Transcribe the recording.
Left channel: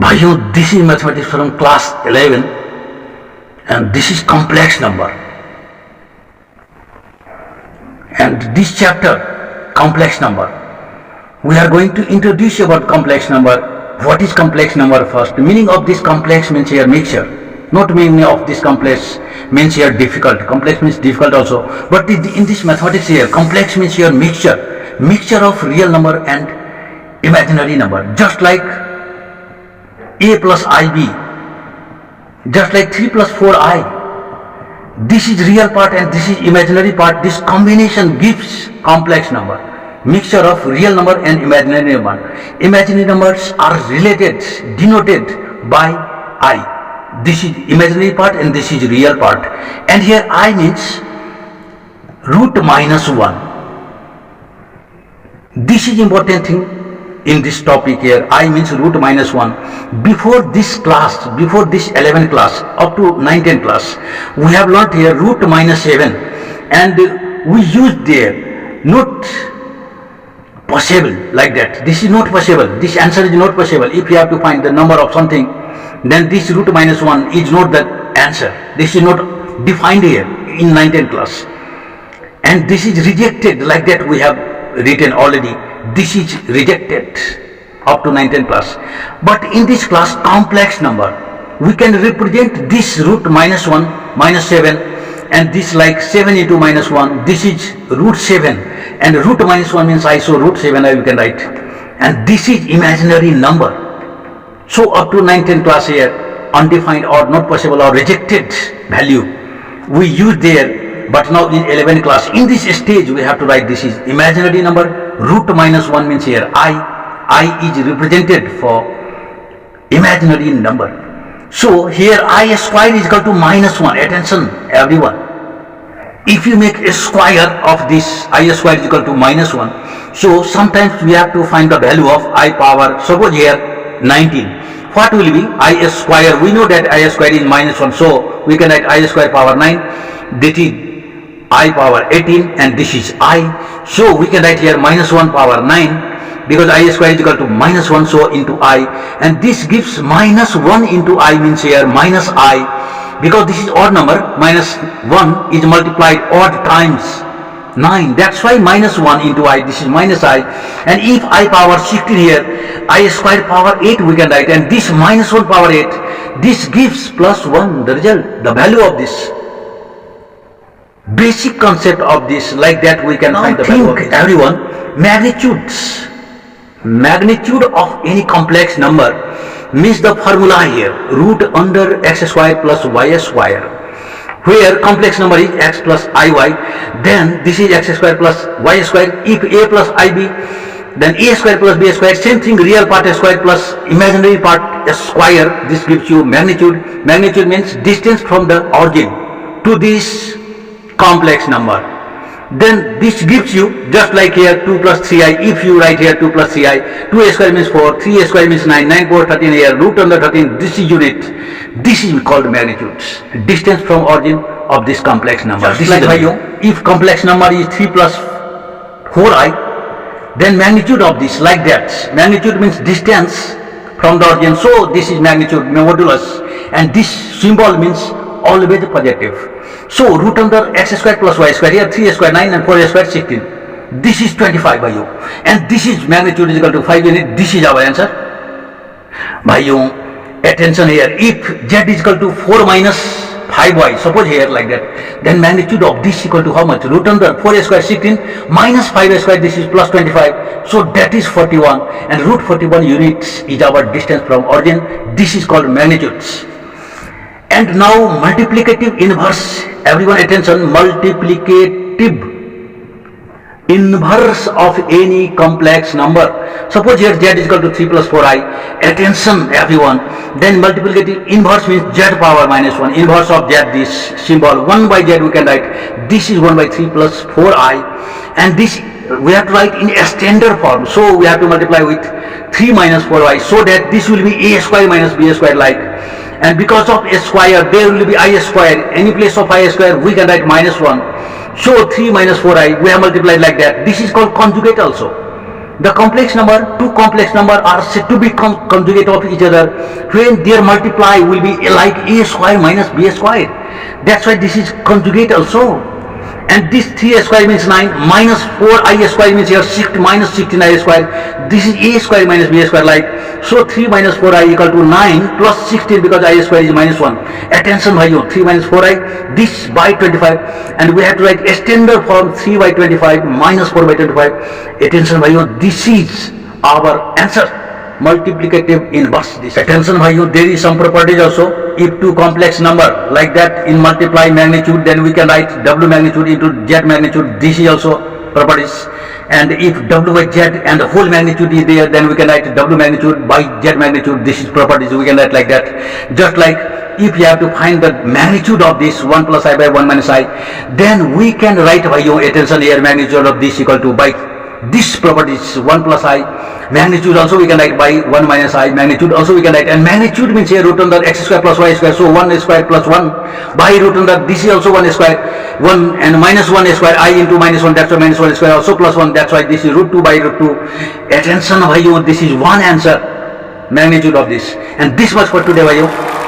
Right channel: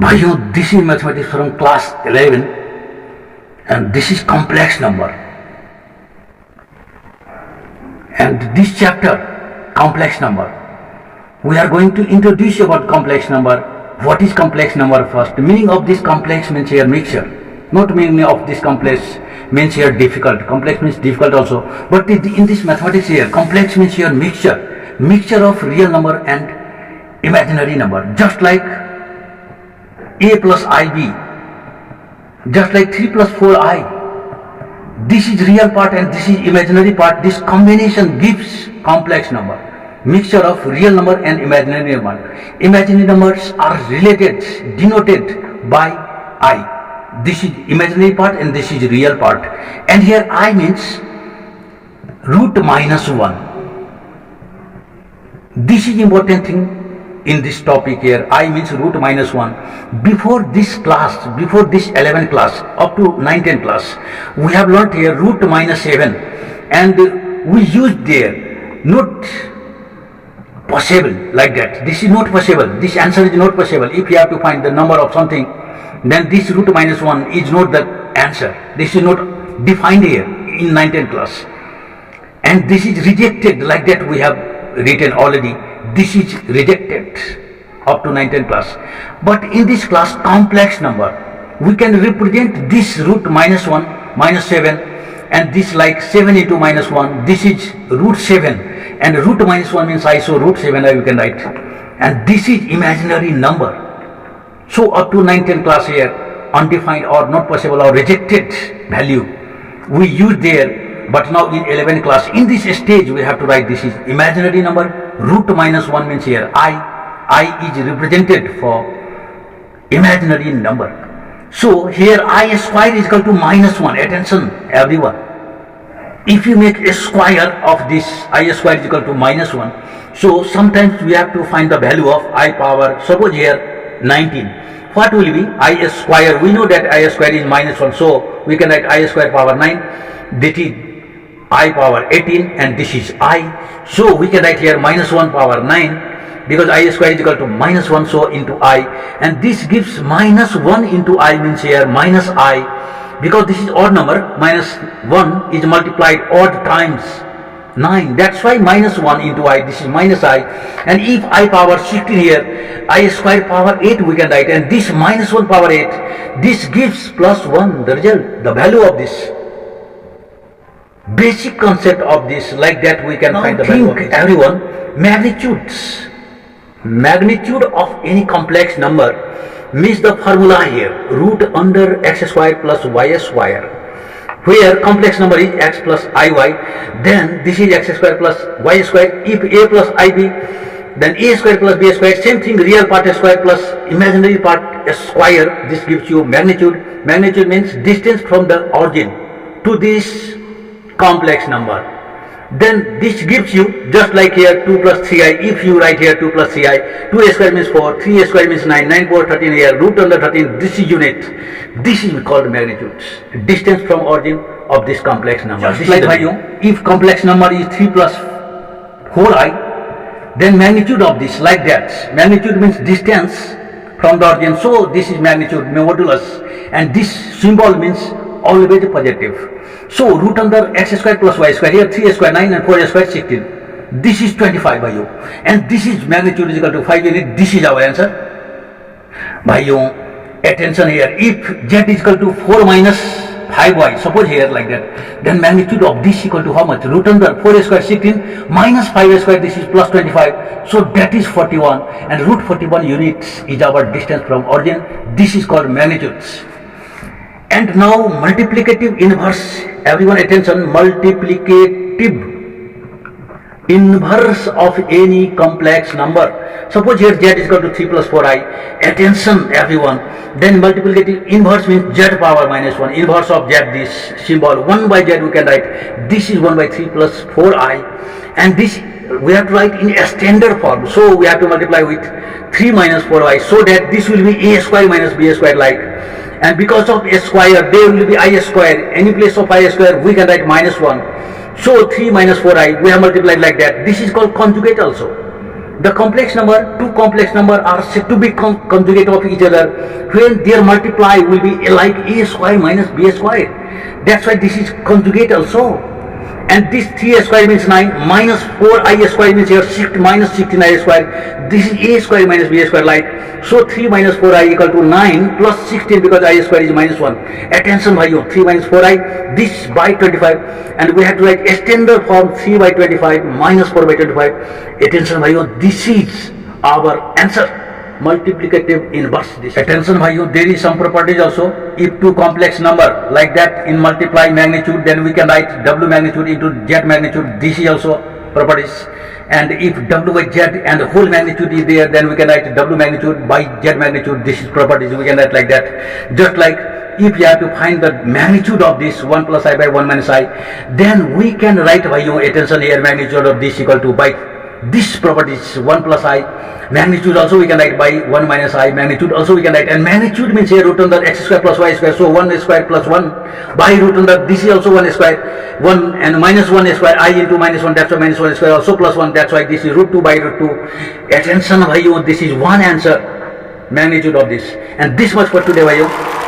भाइयों, this is mathematics from class 11 and this is complex number, and this chapter complex number we are going to introduce about complex number. What is complex number first? Meaning of this complex means here mixture, not meaning of this complex means here difficult. Complex means difficult also, but in this mathematics here complex means here mixture of real number and imaginary number, just like a plus ib, just like 3 plus 4i. This is real part and this is imaginary part. This combination gives complex number, mixture of real number and imaginary number. Imaginary numbers are related, denoted by I. This is imaginary part and this is real part. And here I means root minus 1. This is important thing in this topic here. I means root minus 1. Before this class, before this 11 class, up to 9, 10 class, we have learnt here root minus 7, and we used there not possible like that. This is not possible. This answer is not possible. If you have to find the number of something, then this root minus 1 is not the answer. This is not defined here in 9, 10 class. And this is rejected like that we have written already. This is rejected up to 9, 10 plus. But in this class complex number, we can represent this root minus 1, minus 7, and this like 7 into minus 1. This is root 7, and root minus 1 means I, so root 7 you can write. And this is imaginary number. So up to 9, 10 class here, undefined or not possible or rejected value we use there. But now in 11 class, in this stage we have to write this is imaginary number. Root minus 1 means here I is represented for imaginary number. So here I square is equal to minus 1. Attention everyone. If you make a square of this I square is equal to minus 1, so sometimes we have to find the value of I power, suppose here 19. What will be I square? We know that I square is minus 1, so we can write I square power 9. That is I power 18, and this is I. So we can write here minus 1 power 9, because I square is equal to minus 1, so into I. And this gives minus 1 into I means here minus I. Because this is odd number, minus 1 is multiplied odd times 9. That's why minus 1 into I, this is minus I. And if I power 16 here, I square power 8 we can write. And this minus 1 power 8, this gives plus 1, the result, the value of this. Basic concept of this, like that we can now find the value of this. Everyone, magnitude of any complex number means the formula here, root under x square plus y square, where complex number is x plus iy, then this is x square plus y square. If a plus ib, then a square plus b square, same thing, real part square plus imaginary part square. This gives you magnitude. Magnitude means distance from the origin to this complex number. Then this gives you, just like here 2 plus 3i, if you write here 2 plus 3i, 2a square means 4, 3a square means 9, 9 power 13 here, root under 13, this is unit. This is called magnitude, distance from origin of this complex number. Just this like is if complex number is 3 plus 4i, then magnitude of this, like that. Magnitude means distance from the origin, so this is magnitude, modulus, and this symbol means always positive. So root under x square plus y square, here 3 square 9 and 4 square 16. This is 25 by you, and this is magnitude is equal to 5 unit. This is our answer. By you, attention here. If z is equal to 4 minus 5y, suppose here like that, then magnitude of this equal to how much? Root under 4 square 16 minus 5 square. This is plus 25. So that is 41, and root 41 units is our distance from origin. This is called magnitudes. And now multiplicative inverse, everyone attention, multiplicative inverse of any complex number. Suppose here z is equal to 3 plus 4i, attention everyone, then multiplicative inverse means z power minus 1, inverse of z, this symbol 1 by z we can write, this is 1 by 3 plus 4i, and this we have to write in a standard form, so we have to multiply with 3 minus 4i, so that this will be a square minus b square like. And because of a square, there will be I square. Any place of I square, we can write minus 1. So 3 minus 4i, we have multiplied like that. This is called conjugate also. The complex number, two complex number are said to be conjugate of each other when their multiply will be like a square minus b square. That's why this is conjugate also. And this 3a square means 9 minus 4i square means here 6 minus 16i square. This is a square minus b square like. So 3 minus 4i equal to 9 plus 16 because I square is minus 1. Attention bhaiyo, 3 minus 4i this by 25 and we have to write extender form 3 by 25 minus 4 by 25. Attention bhaiyo, this is our answer. Multiplicative inverse. This attention bhaiyo, there is some properties also. If two complex number like that in multiply magnitude, then we can write w magnitude into z magnitude. This is also properties. And if w by z and the whole magnitude is there, then we can write w magnitude by z magnitude. This is properties, we can write like that. Just like if you have to find the magnitude of this 1 plus I by 1 minus I, then we can write bhaiyo, attention here, magnitude of this equal to by this properties 1 plus I. Magnitude also we can write by 1 minus I. Magnitude also we can write, and magnitude means here root under x square plus y square. So 1 square plus 1 by root under this is also 1 square, 1 and minus 1 square I into minus 1. That's why minus 1 square also plus 1. That's why this is root 2 by root 2. Attention bhaiyo, this is one answer, magnitude of this. And this much for today bhaiyo.